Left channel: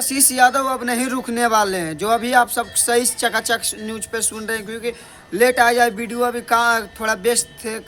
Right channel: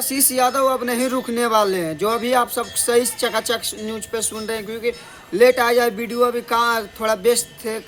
आशीष यादव अब नहीं रुकने वाले हैं। जो अभी आप सब सही चकाचक न्यूज पे सुन रहे हैं, क्योंकि लेट आया है वीडियो, अभी कहाँ थोड़ा व्यस्त थे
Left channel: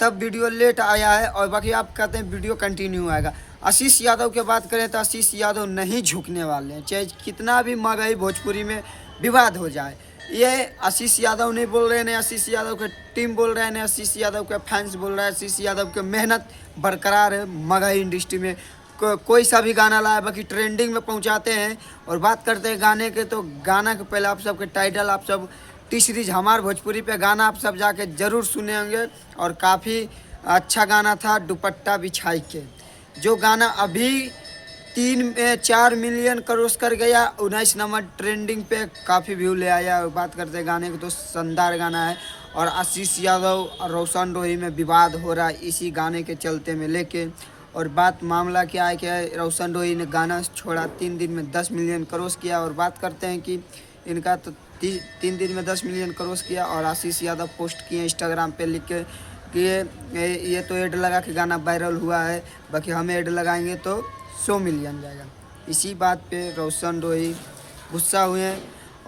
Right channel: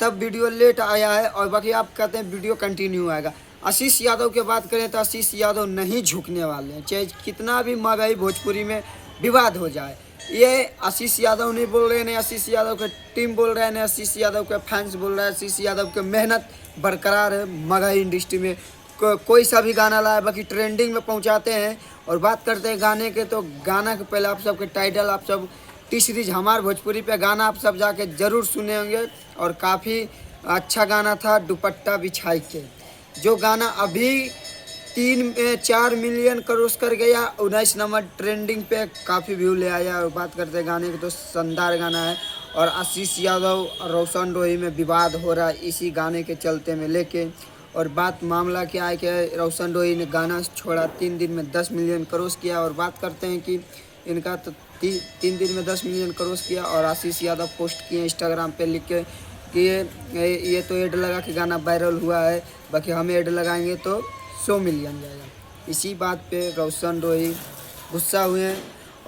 तब वीडियो लेट आया है, और बाकी आप कहते हैं वीडियो कंटिन्यू आएगा। आशीष यादव की बात करें तो आशीष यादव नहीं झुकने वाले हैं, चाहे कितना भी महंगाई भोजपुरी में विवाद हो जाए। ये आशीष यादव नहीं बोल रहे हैं, नहीं आशीष यादव के टीम बोल रहे हैं, नहीं आशीष यादव के फैंस बोल रहे हैं। आशीष यादव की मेहनत बरकरार है महंगाई इंडस्ट्री में। कोई सा भी गाना लाए बाकी ट्रेंडिंग में पहुंचाते हैं। और बात करते हैं गाने के, तो गाना के पहले आप सबके टाइटल, आप सब टी सीरीज हमार भोजपुरी पे गाना आप सब जाके ज़रूर सुने होंगे, और काफ़ी अच्छा गाना था दुपट्टा बिछाई के। जो गाना अभी 4 मिलियन क्रॉस कर गया, 19 नंबर ट्रेंडिंग पे काफ़ी व्यू ले आया। और बात करते हैं गाने के, तो शानदार गाना है। और आशीष यादव और रोशन रोही में विवाद हो रहा है इसी गाने के चलते में लेके। और बात मामला क्या है कि रोशन रोही ने गाना छोड़ा 3 दिन में 10 मिलियन क्रॉस किया। और बात करते हैं कि इनका तो 3 दिन में 10 मिलियन क्रॉस किया। और आशीष यादव पोस्ट किए इंस्टाग्राम पे लिख के कि ये तो ऐड लगा के गाना वायरल हुआ है, बाकी हम ऐड लगाएंगे तो 100 मिलियन जाएगा। इसी बात पे रोशन रोही गुस्सा हुए,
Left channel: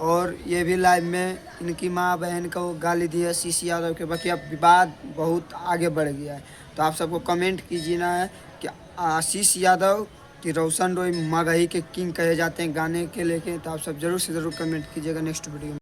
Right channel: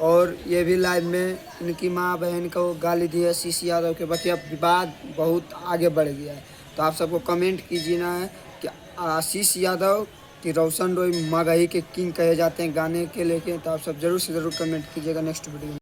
और ये भी लाइव में इनकी माँ बहन को गाली दी है आशीष यादव के। बाकी अब विवाद बहुत आगे बढ़ गया है, तो आप सबको कमेंट कीजिए ना है कि आशीष यादव कि रोशन रोही महंगाई के किंग कहे जाते हैं गाने के लेके। तो आप सब जरूर से ज़रूर कमेंट कीजिएगा नेक्स्ट वीडियो में।